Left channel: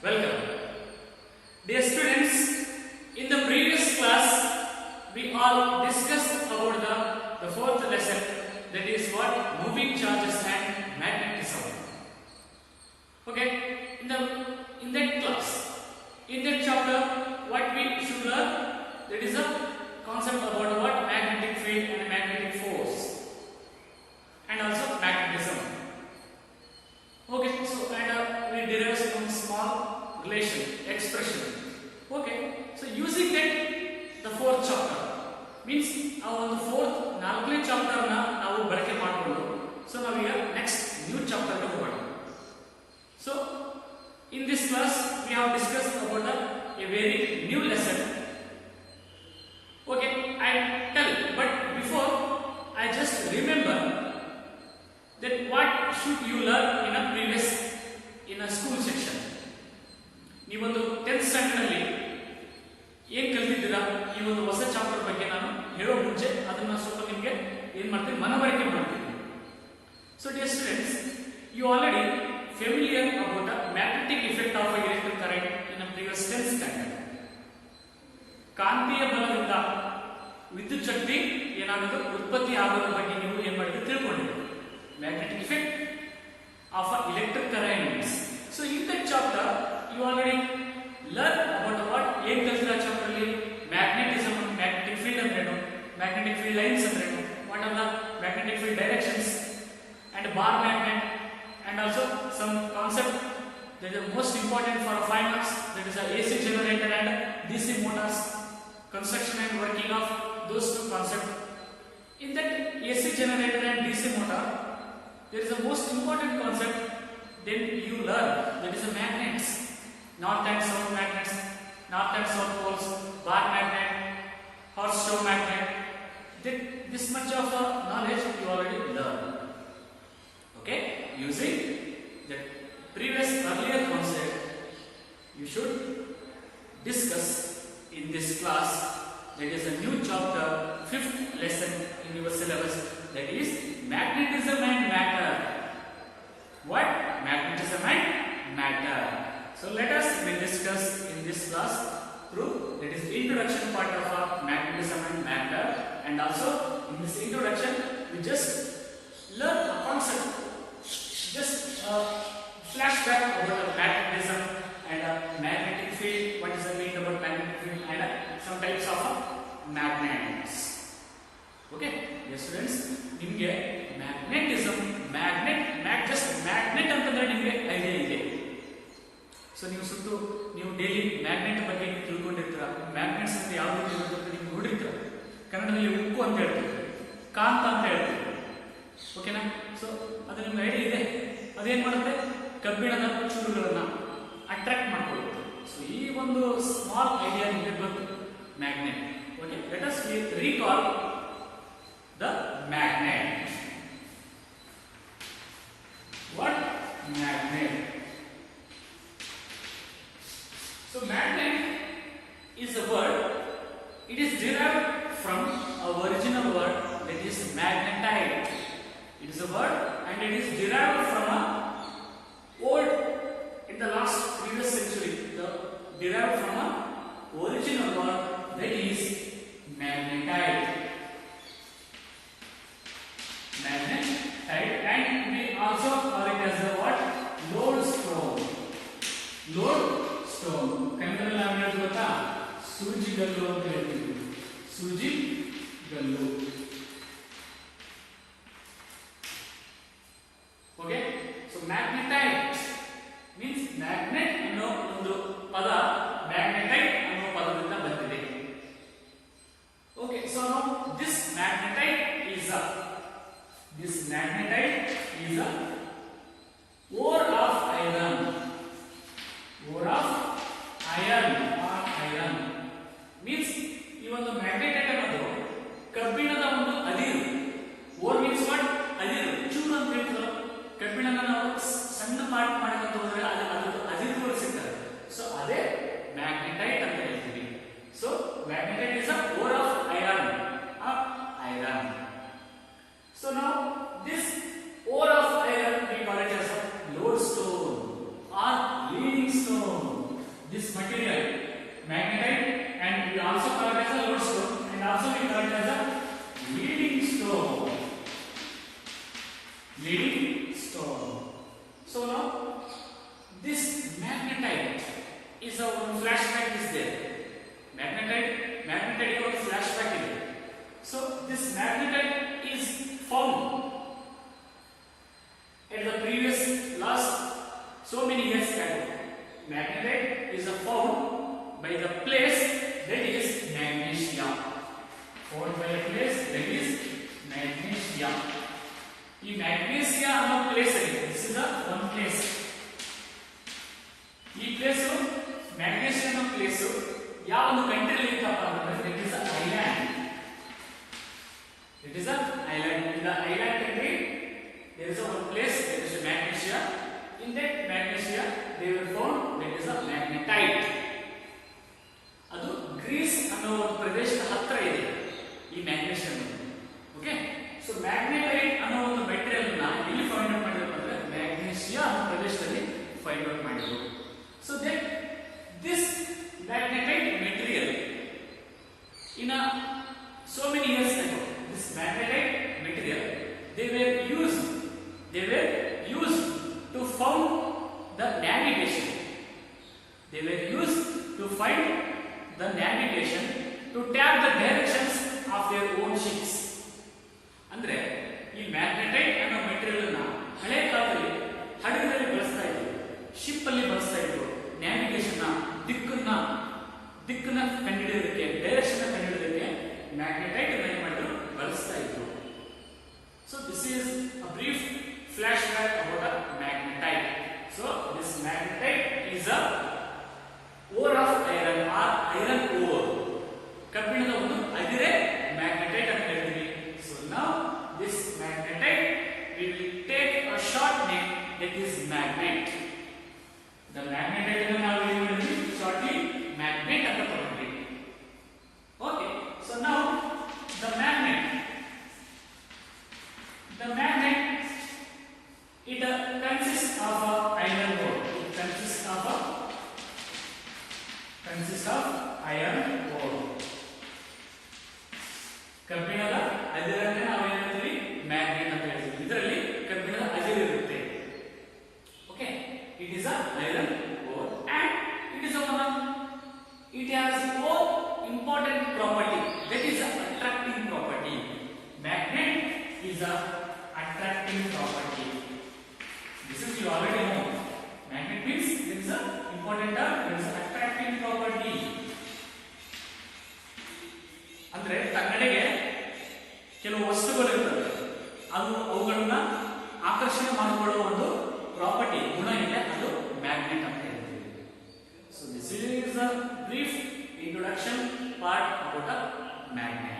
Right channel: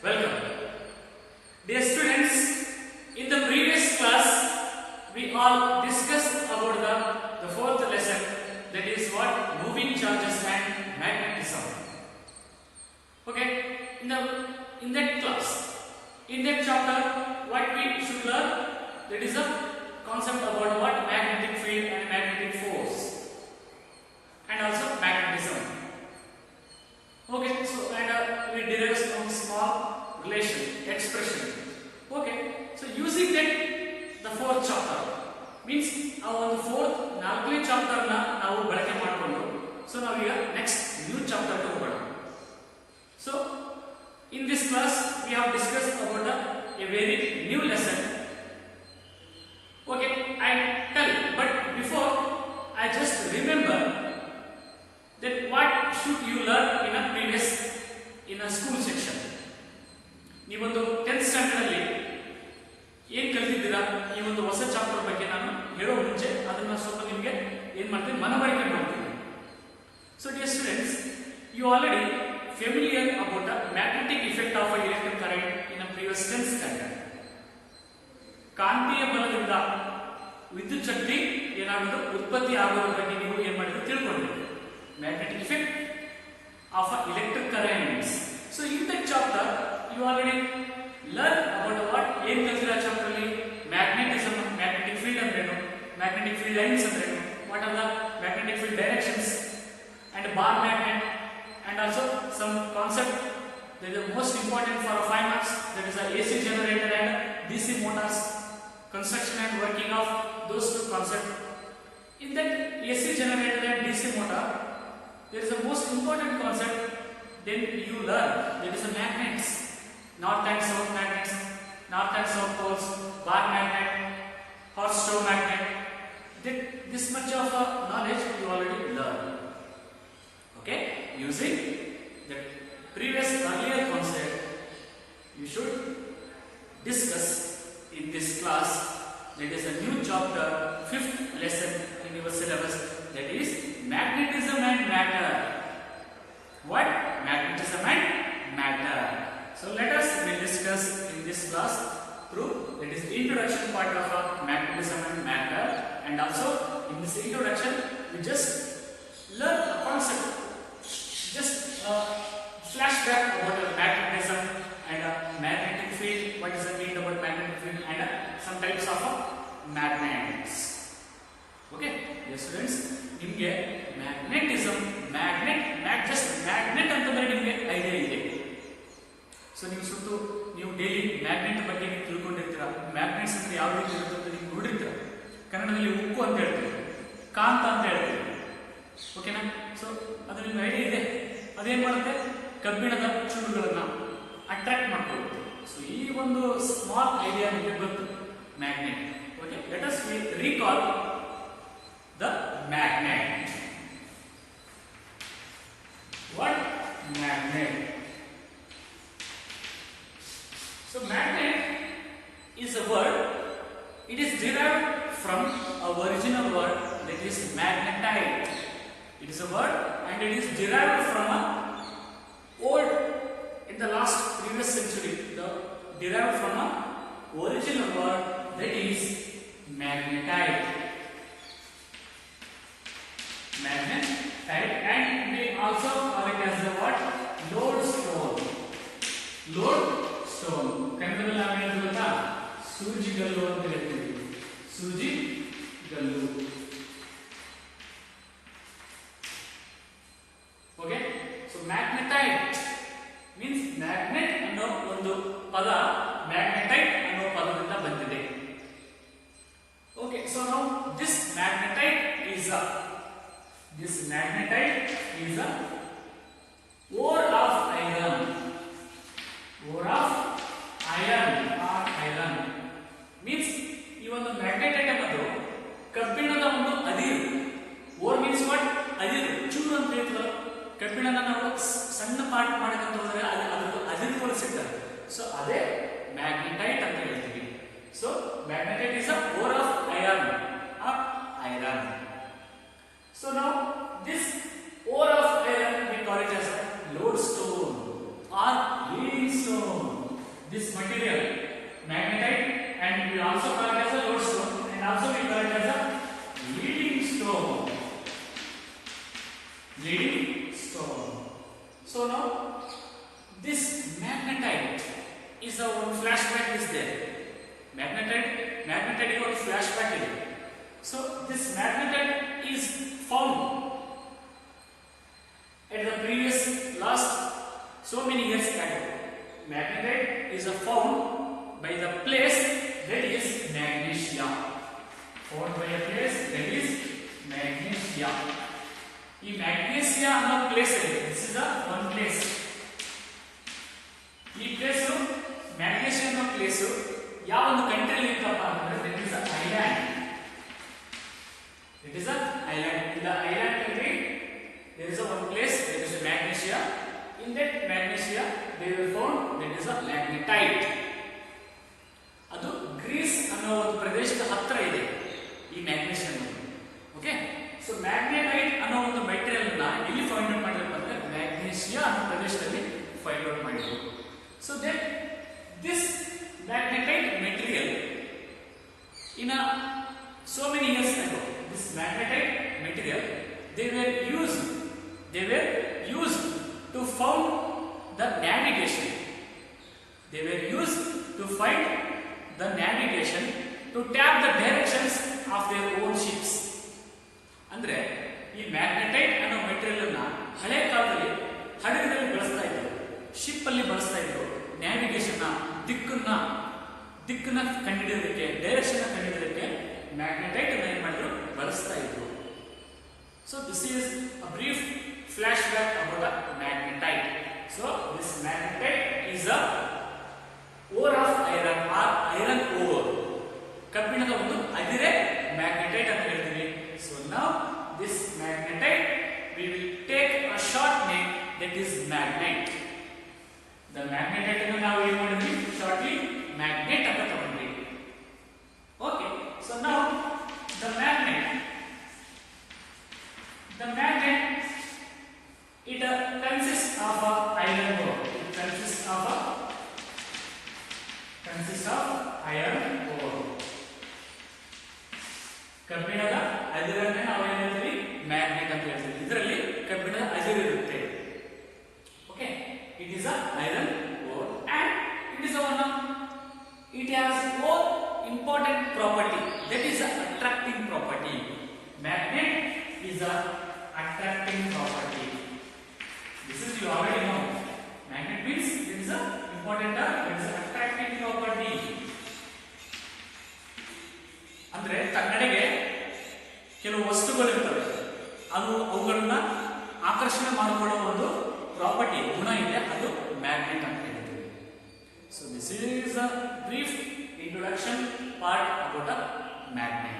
Welcome. Dear students, in the previous class, we all discussed about the fourth lesson, that is what? Moving charges and magnetism. Okay, in that class, in that chapter, what we should learn? That is a concept about what? Magnetic field and magnetic force, and also magnetism. Okay, so we derive some small relation, expression. Okay, so using that, the fourth chapter means our fourth ನಾಲ್ಕನೇ chapter ನಾವು ಬಳಕೆ ಮಾಡಿಕೊಂಡು so ನಾವೀಗ next new chapter ಗೆ ಹೋಗೋಣ. So in this class we have discussed about a very new lesson. Okay, I tell, but before I just remember that what should you learn in a school section. ನೀವೊಂದು 10th standard ಅಲ್ಲಿ ಏನ್ ಕಲಿತಿದ್ದೀರಾ ಈ ಒಂದು ಹೊಸ chapter ಬಗ್ಗೆ ನಾನು ಹೇಳೋ ಮುಂಚೆ ಅದನ್ನ ಸ್ವಲ್ಪ ನಿಮಗೆ ಏನ್ ಮಾಡ್ತೀನಿ ಮನವರಿಕೆ ಮಾಡ್ತೀನಿ. So dear students, you already familiar about the magnetic effect of a electric current in a previous 10th standard. ಕಾಂತೀಯ ಬಲದಿಂದ ವಿದ್ಯುತ್ ಶಕ್ತಿ ಏನಾಗುತ್ತೆ ಉತ್ಪತ್ತಿ ಆಗೋದ್ರ ಬಗ್ಗೆ ನೀವು ಏನ್ ಮಾಡಿದ್ರೆ ತಿಳ್ಕೊಂಡಿದ್ದೀರಿ. Magnetic effect of electric currents. So in that chapter you already learn about what ಏನ್ ಕಲಿತಿರ ಚಾಪ್ಟರ್ ಅಲ್ಲಿ magnetism, magnetic field ಅಂದ್ರೇನು, magnetic field lines ಅಂದ್ರೇನು, what are the magnetic field directions and bar magnet, and also some concept that is most important for 5 marks, that is the AC generator and DC motors, construction and working of those two concepts. In that AC generator and DC motor there is a most important concept then you learn, that is the magnets, north and south magnets, north and south poles, bar magnet, horse-show magnet. This much of knowledge you already learn. Okay, using the previous earlier concept you should discuss in this class, that is a new chapter, 5th lesson in your syllabus, that is magnetism and matter. What? Magnetism and matter. So let us discuss in this class through, that is introduction part of magnetism and matter, and also in this introduction we just learn a concept, just flashback about magnetism and magnetic field, what does it mean about magnetic field, and some types of magnets. Okay, yes students, ನಿಮಗೆ magnetism, just magnet ಅಂತಂದ್ರೆ ನಿಮಗೆ idea ಇದೆ. So ನೀವು daily magnet ಬಗ್ಗೆ ನೀವು ತಿಳ್ಕೊಂಡಿರ್ತೀರ. Magnets ಅಂದ್ರೆ ಯಾವ ರೀತಿ ಇರುತ್ತೆ ಅಂತ ನೀವು ನೋಡಿರ್ತೀರ. ಕನ್ನಡದಲ್ಲಿ ಉಕ್ಕು ಅಂತ ಹೇಳ್ತೀವಿ, ಕಾಂತ ಅಂತ ಹೇಳ್ತೀವಿ. ಓಕೆನಾ? ಸೊ ಅದು ನಿಮ್ಗೆ ಐಡಿಯಾ ಇದೆ. ಅದೇನ್ ಮಾಡುತ್ತೆ? ಕಬ್ಬಿಣದ ಚೂರುಗಳನ್ನ ಅಟ್ರಾಕ್ಟ್ ಮಾಡ್ಕೊಳ್ಳುತ್ತೆ. ಸೊ ಈ ಒಂದು ಸ್ಮಾಲ್ ಐಡಿಯಾ ನಿಮಗೆ ಬಂತು magnet. Okay, let us recall the magnet. What? Magnet. So magnet is a word, it is derived from a original word, that is magnetite. It is a word and it is derived from a old, in the last previous century, derived from a original word, that is magnetite. Magnetite, and we also call it as the what? Lodestone. Lodestone. ಕನ್ನಡದಲ್ಲಿ ನಾವು ಹೇಳೋದು ಗೊತ್ತಾ? ಸೂಜಿಗಲ್ಲು ಅಂತ ಹೇಳ್ತೀವಿ. ಸೂಜಿಗಲ್ಲು. Okay, so magnetite means magnet ಅನ್ನೋ ಒಂದು ಪದ magnetite ಅನ್ನೋ ಪದದಿಂದ ಬಂದಿದೆ. Okay, so now this magnetite is a ore of iron. Ore of iron or iron means ಈ ಒಂದು magnetite ಅನ್ನೋದು ಕಬ್ಬಿಣದ ಒಂದು ಅದಿರು. ore means what? ಅದಿರು, ಚೂರು ಅಂತ ಹೇಳ್ತಾರೆ. ಕಬ್ಬಿಣನ ನಾವು ಸಣ್ಣ ಪಾರ್ಟ್ ಮಾಡಕ್ಕೆ ಹೋದ್ರೆ ಅದು ಅದಿರು ಸಿಗ್ತದೆ. ಸೊ ಅದೇ magnetite ಅಂತ ಹೇಳ್ತೀವಿ. So magnetite is a ore of iron or iron. So now this ore of iron we call it as a lodestone or leading stone. this material magnetite, and we also call it as a lodestone, and also we call it as a leading stone. Leading stone. So now this magnetite is a one flashback is there. Magnetite one flashback is there. So this magnetite is found at the previous last so many years ago. Magnetite is found by the place that is magnesia. Found by a place that is magnesia. ಈ ಮ್ಯಾಗ್ನೀಸಿಯಾ ಅನ್ನೋ place ಅಲ್ಲಿ this is one place. ಈ place ಮ್ಯಾಗ್ನೀಸಿಯಾ ಅನ್ನೋ place ಯಾವ ಒಂದು ಕಂಟ್ರಿಯಲ್ಲಿ ಇರುತ್ತಪ್ಪ ಅಂದ್ರೆ that is island. It is island. In the island country there is one place that is magnesia. In that magnesia they were found that is a magnetite. ಅದು Greece ಅನ್ನೋ ಒಂದು ಪ್ರದೇಶದ ಹತ್ರ ಇದೆ ಈ ಮ್ಯಾಗ್ನೀಸಿಯಾ ಅನ್ನೋದು. ಓಕೆ, ಸೊ ಮ್ಯಾಗ್ನೆಟೈಟ್ ಅನ್ನೋ ಒಂದು ಮೆಟೀರಿಯಲ್ ನ ಎಲ್ಲಿ ಫೈಂಡ್ ಔಟ್ ಮಾಡಿದ್ರು ಅಂದ್ರೆ ಮ್ಯಾಗ್ನೀಸಿಯಾ ಅನ್ನೋ ಪ್ರದೇಶದಲ್ಲಿ ಫೈಂಡ್ ಔಟ್ ಮಾಡಿದ್ರು. So that this magnetite material in so many years ago, this magnetite material they were used to found the navigation. They were used to find the navigation, to tap the directions of their own ships. ಅಂದ್ರೆ ಈ magnetite ಅನ್ನೋ material ಅನ್ನ ಹಳೆ ಕಾಲದಲ್ಲಿ ಹಡಗಿನಲ್ಲಿ ಬಳಸ್ತಾ ಇದ್ರು, ship ಅಲ್ಲಿ ಬಳಸ್ತಾ ಇದ್ರು. ನ್ಯಾವಿಗೇಷನ್ ದಿಕ್ಕನ್ನ ಕಂಡುಹಿಡಿಯೋದಕ್ಕೆ, ಡೈರೆಕ್ಷನ್ ಕಂಡುಹಿಡಿಯೋದಕ್ಕೆ ಮ್ಯಾಗ್ನೆಟೈಟ್ ಅನ್ನು ಏನ್ ಮಾಡಿದ್ರು, ಬಳಸ್ತಾ ಇದ್ರು. So this is a brief flashback about a magnetite. So this magnetite is a ore of iron or iron ore. ಕಬ್ಬಿಣದ ಒಂದು ಅದಿರೆ magnetite ಅಂತ ಹೇಳ್ತೀವಿ. So now this magnetite we will take a short name, that is magnet. The magnetite ಅನ್ನು ನಾವು ಏನು ಮಾಡಿದ್ವಿ, shortly magnet ಅಂತ ತಗೊಂಡ್ವಿ. Okay, so now the magnet it consists of iron ore. It consists of iron ore. ಕಬ್ಬಿಣದ ಅದಿರನ್ನೇ ನಾವು ಏನು ಹೇಳ್ತೀವಿ, ಮ್ಯಾಗ್ನೆಟ್ ಅಂತ ಹೇಳ್ತೀವಿ. ಇದರಲ್ಲಿ ಕಬ್ಬಿಣದ ಅದಿರು ಇರುತ್ತೆ. Okay, it is a iron ore and it is it has more important property, that is attracting property. Magnet is a attracting property. This is you already know. Magnet means it is a important term, it is attracting property. ಅಂದ್ರೆ ಕನ್ನಡಿಗೆ ಕೆಲವು ವಸ್ತುಗಳು ಇರ್ತವೆ, ಅದು ಅವುಗಳನ್ನ ಆಕರ್ಷಣೆ ಮಾಡಿಕೊಳ್ಳುವ ಒಂದು property, ಗುಣ ಇದೆ, ಅದು ಮ್ಯಾಗ್ನೆಟ್ ಅಂತ ಹೇಳ್ತೀವಿ. So this is a brief introduction part about a magnet.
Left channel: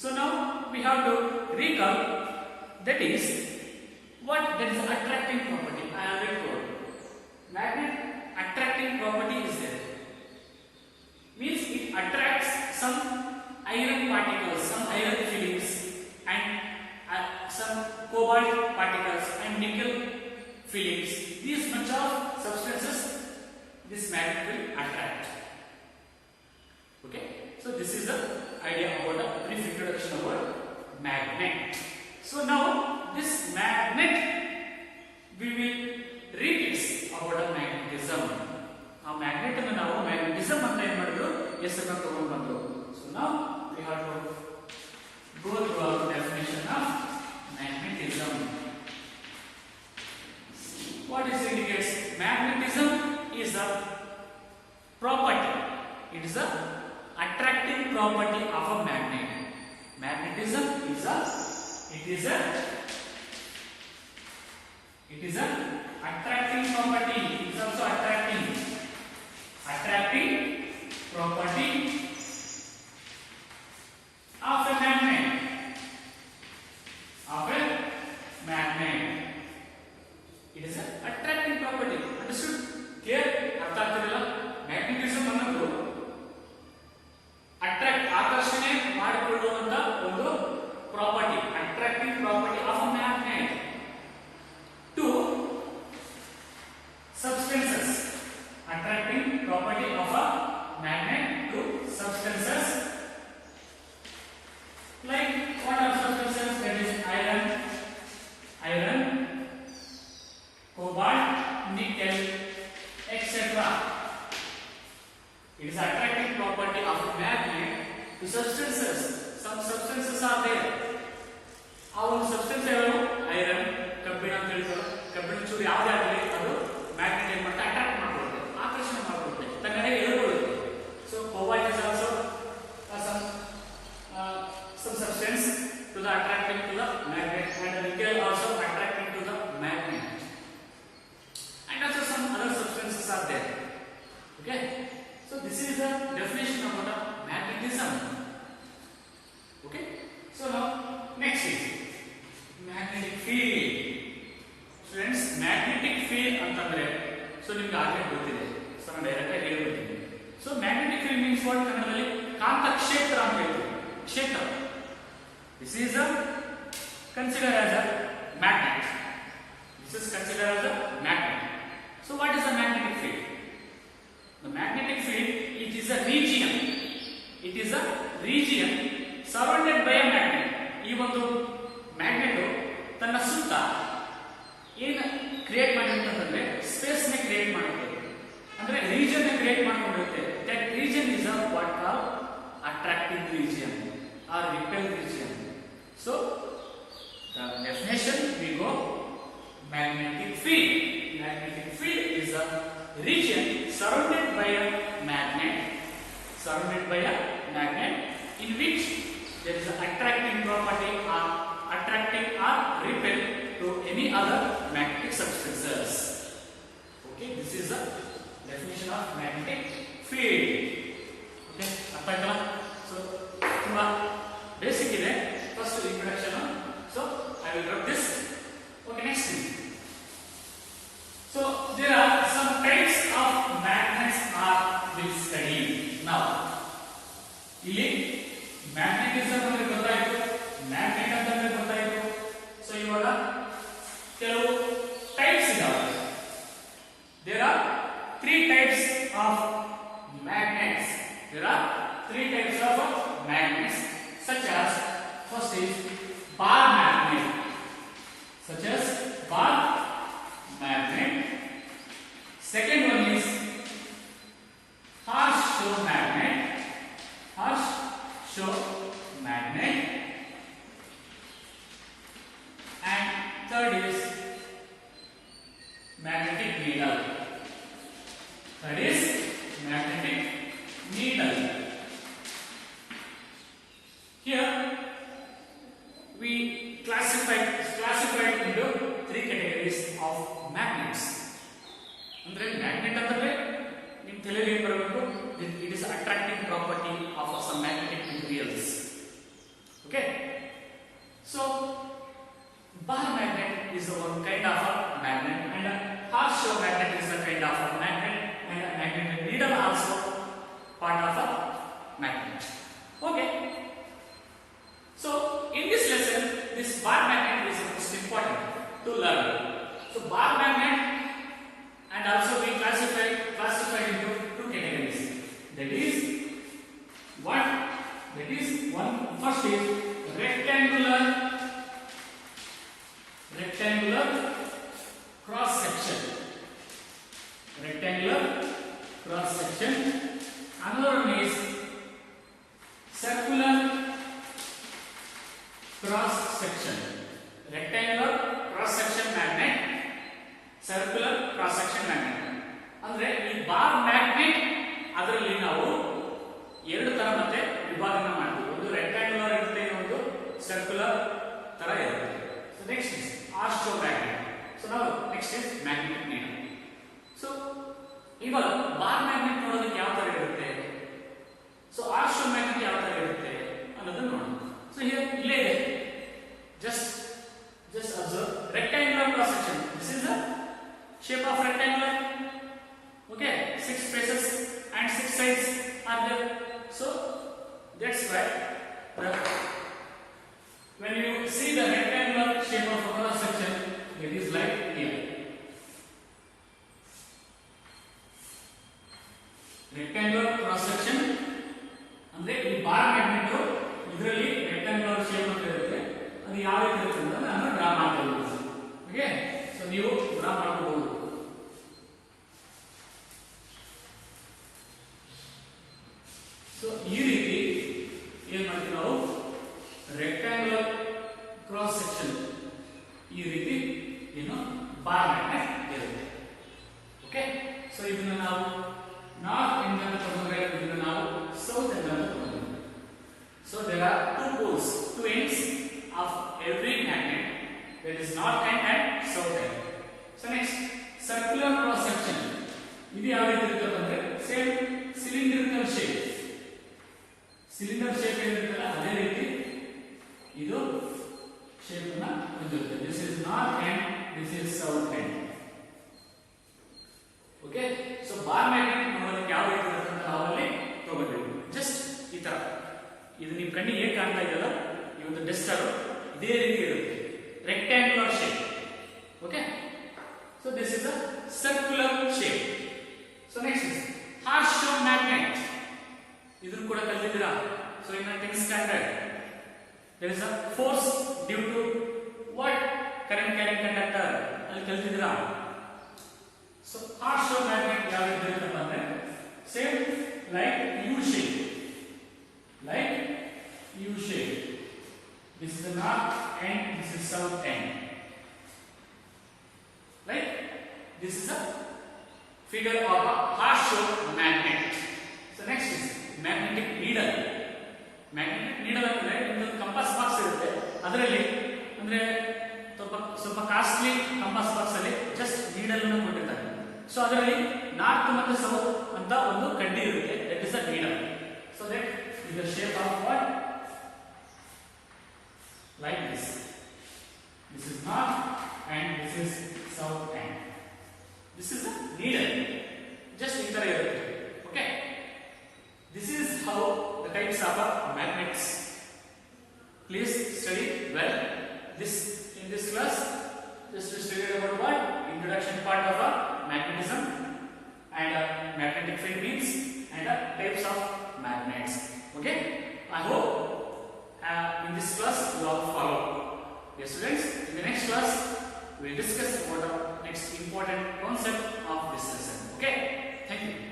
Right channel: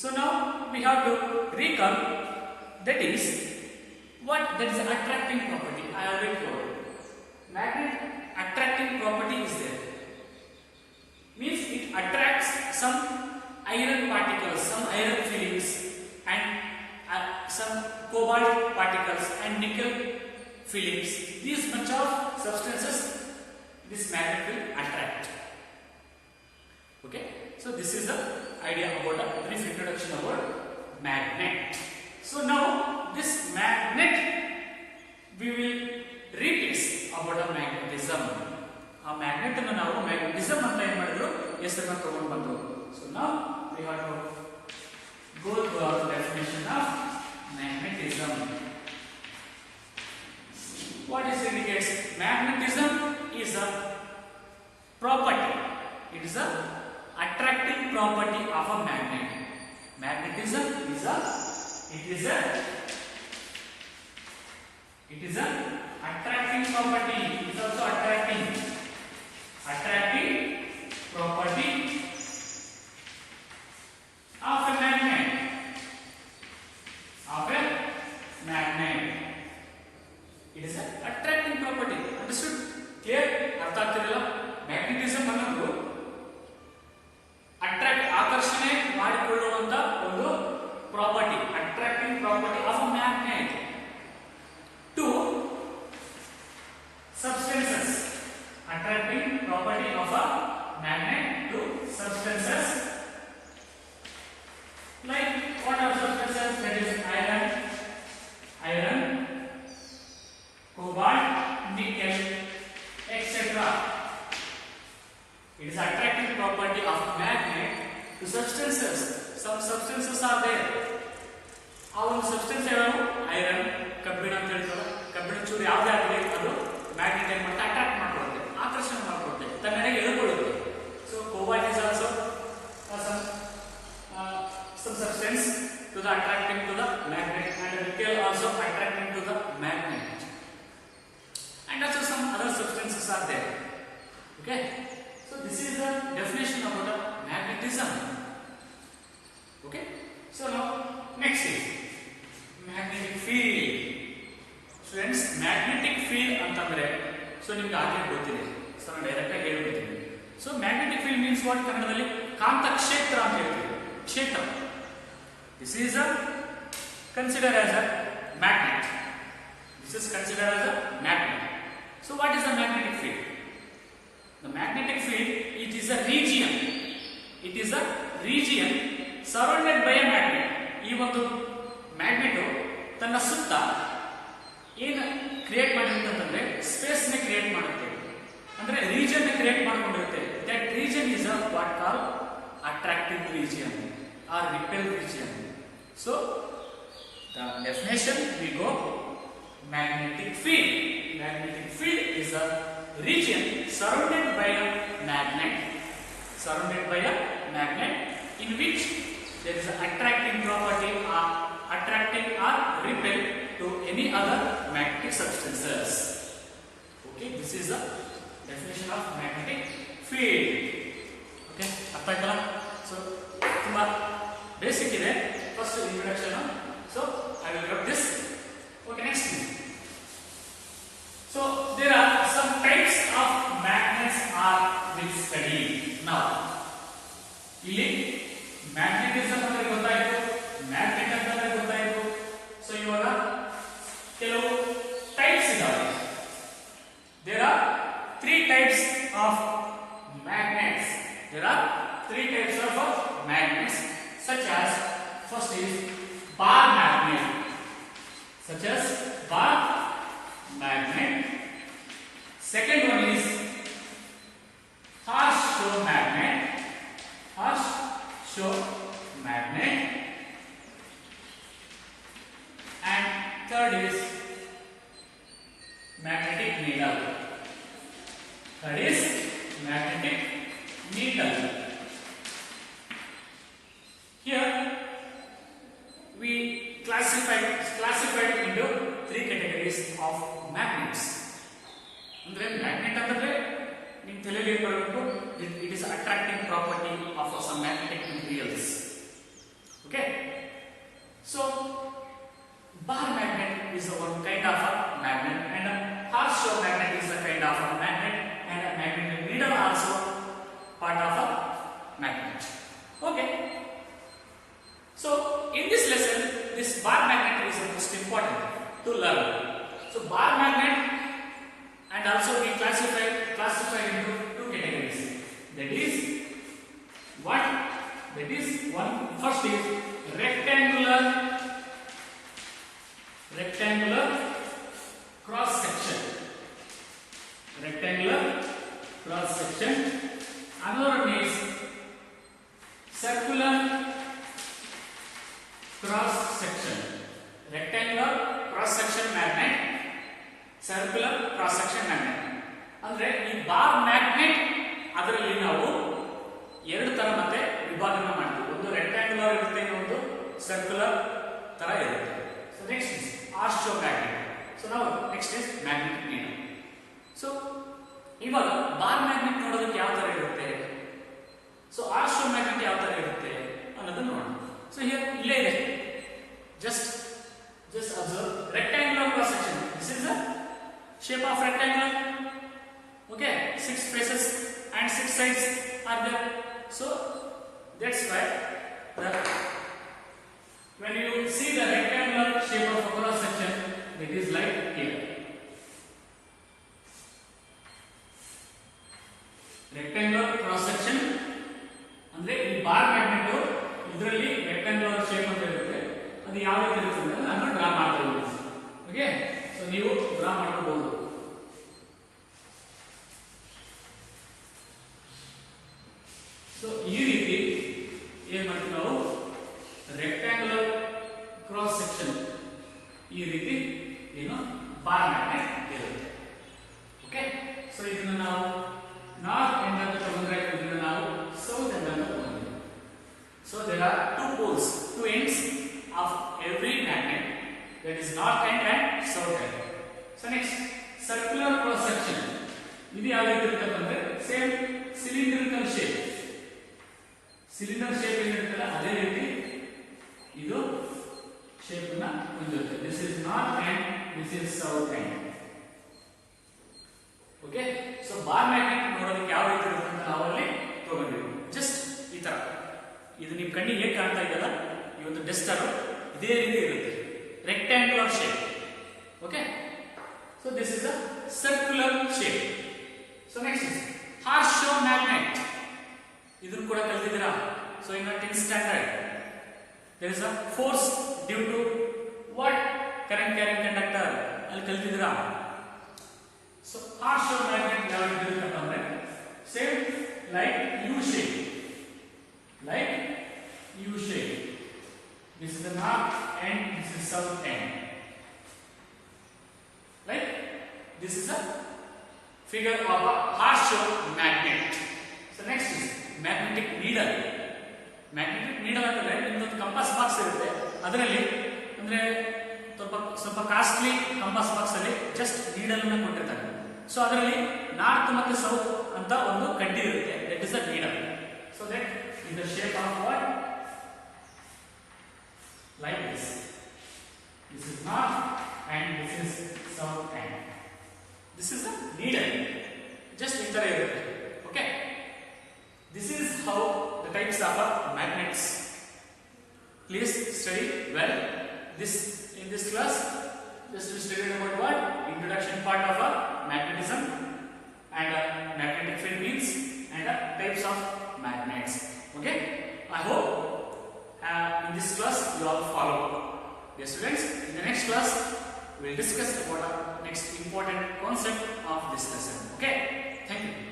So now we have to recall, that is what that is attracting property. I already told magnet attracting property is there, means it attracts some iron particles, some iron filings, and some cobalt particles and nickel filings. These bunch of substances this magnet will attract. Okay, so this is the idea about a brief introduction about magnet. So now this magnet we will replace about a magnetism. A magnet ಅನ್ನು ನಾವು magnetism ಅಂತ ಏನು ಮಾಡಿದ್ರು, ಹೆಸರನ್ನು ತಗೊಂಡು ಬಂದ್ರು. So now we have to go to our definition of magnetism. What is indicates magnetism is a property. It is a attracting property of a magnet. Magnetism is a attracting property. It is also attracting property of a magnet. It is an attracting property. Understood? Clear? ಅರ್ಥ ಆಗ್ತಿದೆಯಲ್ಲ? Magnetism ಅನ್ನೋದು attract, ಆಕರ್ಷಣೆ ಮಾಡಿಕೊಳ್ಳುವಂತ ಒಂದು property, attracting property of magnet to substances. Attract attracting property of a magnet to substances. Like what are substances? That is iron, cobalt, nickel, etc. It is attracting property of magnet to substances. Some substances are there. ಆ ಒಂದು substance ಯಾವುದು iron, ಕಬ್ಬಿಣ ಅಂತ ಹೇಳ್ತಾರೆ. ಕಬ್ಬಿಣ ಚೂರು ಯಾವುದೇ ಆಗಲಿ ಅದು ಮ್ಯಾಗ್ನೆಟ್ ಏನ್ ಮಾಡುತ್ತೆ, ಅಟ್ರಾಕ್ಟ್ ಮಾಡ್ಕೊಳುತ್ತೆ, ಆಕರ್ಷಣೆ ಮಾಡ್ಕೊಳುತ್ತೆ, ತನ್ನೆಡೆಗೆ ಎಳ್ಕೊಳ್ಳುತ್ತೆ. So cobalt is also some substance to the attracting to the magnet, and nickel also attracting to the magnet, and also some other substances are there. Okay, so this is the definition about the magnetism. Okay, so now next is magnetic field. Friends, magnetic field ಅಂತಂದ್ರೆ so ನಿಮಗೆ ಆಗಲೇ ಗೊತ್ತಿದೆ. So ನಾನು direct ಆಗಿ ಹೇಳ್ಬಿಡ್ತೀನಿ. So magnetic field means what? ಕನ್ನಡದಲ್ಲಿ ಕಾಂತ ಕ್ಷೇತ್ರ ಅಂತ ಹೇಳ್ತೀವಿ. ಕ್ಷೇತ್ರ. This is considered as a magnet. This is considered as a magnet. So what is a magnetic field? The magnetic field, it is a region. It is a region surrounded by a magnet. ಈ ಒಂದು magnet ತನ್ನ ಸುತ್ತ ಏನು create ಮಾಡಿರುತ್ತೆ ಅಂತಂದ್ರೆ space ನ create ಮಾಡುತ್ತೆ, ಅಂದ್ರೆ region ನ ಕ್ರಿಯೇಟ್ ಮಾಡ್ಕೊಂಡಿರುತ್ತೆ. That region is what call attractive region or repel region. So the definition we go magnetic field. Magnetic field is a region surrounded by a magnet, in which there is an attracting property or attracting or repel to any other magnetic substances. Okay, this is the definition of magnetic field. Okay, ಅರ್ಥ ಆಯ್ತಲ್ಲ? So ತುಂಬಾ basic ಇದೆ, first introduction. So I will drop this. Okay, next. So there are some types of magnets are will study now. ಇಲ್ಲಿ magnetism ಅಂದ್ರೆ ಗೊತ್ತಾಯ್ತು, magnet ಅಂತಂದ್ರೆ ಗೊತ್ತಾಯ್ತು. So ಇವಾಗ ಕೆಲವು ಟೈಪ್ಸ್ ಇದಾವೆ. There are 3 types of magnets. such as first is bar magnet. Second one is horseshoe magnet. And third is magnetic needle. Here we classified into 3 categories of magnets. Andre magnet antandre nim theleli barabeku, it is attracting property of some magnetic materials. Okay, so bar magnet is one kind of a magnet, and a horseshoe magnet is a kind of a magnet, and a magnetic needle also part of a magnet. Okay, so in this lesson this bar magnet is the most important to learn. So bar magnet, and also we classified into 2 categories. That is one first is rectangular cross section. Another one is circular cross section. Rectangular cross section magnet, circular cross section magnet. ಅಂದ್ರೆ ಈ bar magnet ಅದರಲ್ಲಿ ನಾವು 2 ತರ ಮತ್ತೆ ವಿಭಾಗನ ಮಾಡ್ತೀವಿ. ಒಂದು rectangular ಇರುತ್ತೆ, ಇನ್ನೊಂದು ಸರ್ಕ್ಯುಲರ್ ತರ ಇರುತ್ತೆ. So next is horseshoe magnet. So ನಾವು next is magnetic needle. So ಇವಾಗ ಬಾರ್ ಮ್ಯಾಗ್ನೆಟ್ ನೋಡೋದಕ್ಕೆ ಯಾವ ತರ ಇರುತ್ತೆ, ಸೊ horseshoe magnet ಯಾವ ತರ ಇರುತ್ತೆ ಅನ್ನೋದನ್ನ ನೋಡೋಣ. ಸೊ ಹಿಯರ್ ಇಲ್ಲೇ ಇದೆ, just observe rectangular cross section. This is the shape of rectangular. Okay, 6 faces and 6 sides are there. So that's why when you see the rectangular shape of a cross section, it is like here. ಕೂಡ ಮಾಡ್ಕೋಬಹುದು. So ಈ ರೀತಿ ಏನ್ ಮಾಡ್ತೀವಿ ನಾವು rectangular cross section ಈ ರೀತಿ ಏನು ಬಾರ್ ಮ್ಯಾಗ್ನೆಟ್ ಇರುತ್ತೆ. ಓಕೆ, ಸೊ ಇದನ್ನ ನಾವು ನಾರ್ತ್ ಎಂಡ್ ಅಂತ ತಗೊಂಡ್ರೆ ಇದನ್ನ ನಾವು ಸೌತ್ ಎಂಡ್ ಅಂತ ತಗೊಂಡ್ರೆ. So there are two poles, two ends of every magnet, that is north end and south end. So next, circular cross section. ಇದು ಯಾವ ರೀತಿ ಇರುತ್ತೆ ಅಂದ್ರೆ same cylindrical shape. Cylinder shape ಏನಿರುತ್ತಲ್ಲ ಅದೇ ರೀತಿ ಇದು ಶೇಪ್ ಅನ್ನ ಹೊಂದಿರುತ್ತೆ. This is north end, this is south end. Okay, so bar magnet ನೋಡೋದಕ್ಕೆ ಯಾವ ರೀತಿ ಇರುತ್ತೆ ಅಂತ ನಾವು ಅಲ್ಲಿ ತಗೊಂಡಿದ್ದೀವಿ. ಜಸ್ಟ್ ಈ ತರ ಇದು ನಿಮ್ ಕಣ್ಣಿಗೆ ಹೇಗೆ ಕಾಣ್ತಾ ಇದೆಯಲ್ಲ ಈ ಒಂದು ಡೆಸ್ಟರ್ ಇದೇ ರೀತಿ ಇರುತ್ತೆ, rectangular shape. Okay, so this is a circular shape. So next is Harshov magnet. ಇದನ್ನು ಕೂಡ ಕಲಿತಿದ್ದೀರಾ. So in a 10th standard there is a force due to what current carrying conductor ಅಲ್ಲಿ ಕಲಿತಿದ್ದೀರಾ. So Harshov magnet ಯಾವ ರೀತಿ ಇರುತ್ತೆ ಅಂದ್ರೆ same like U shape, like U shape. This is the north end, this is south end. Right? This is a figure of a Harshov magnet. So next is magnetic needle. Magnetic needle ಅಂದ್ರೆ ನಿಮ್ಮದು compass box ಇರುತ್ತೆ, ಅದರಲ್ಲಿ ಅಂದ್ರೆ ಸ್ವಲ್ಪ costly compass box ಅಲ್ಲಿ just needle ಅನ್ನು ಕೊಟ್ಟಿರ್ತಾರೆ. So ಅದರಲ್ಲಿ ನಾರ್ತ್ ಮತ್ತು ಸೌತ್ ಅಂತ ಒಂದು ಕಡ್ಡಿ ಇರುತ್ತೆ, that is the needle. So that is the shape of what like this. This is north and this is south end. This is the needle. Just in the area. Okay. This is how the types of magnets. Please study well. In this class, just to study about what introduction part of magnetism and magnetic field means and types of magnets. Okay. I hope. In this class you all follow. Dear students, in the next class we will discuss about the next important concept of this lesson. Okay, thank you.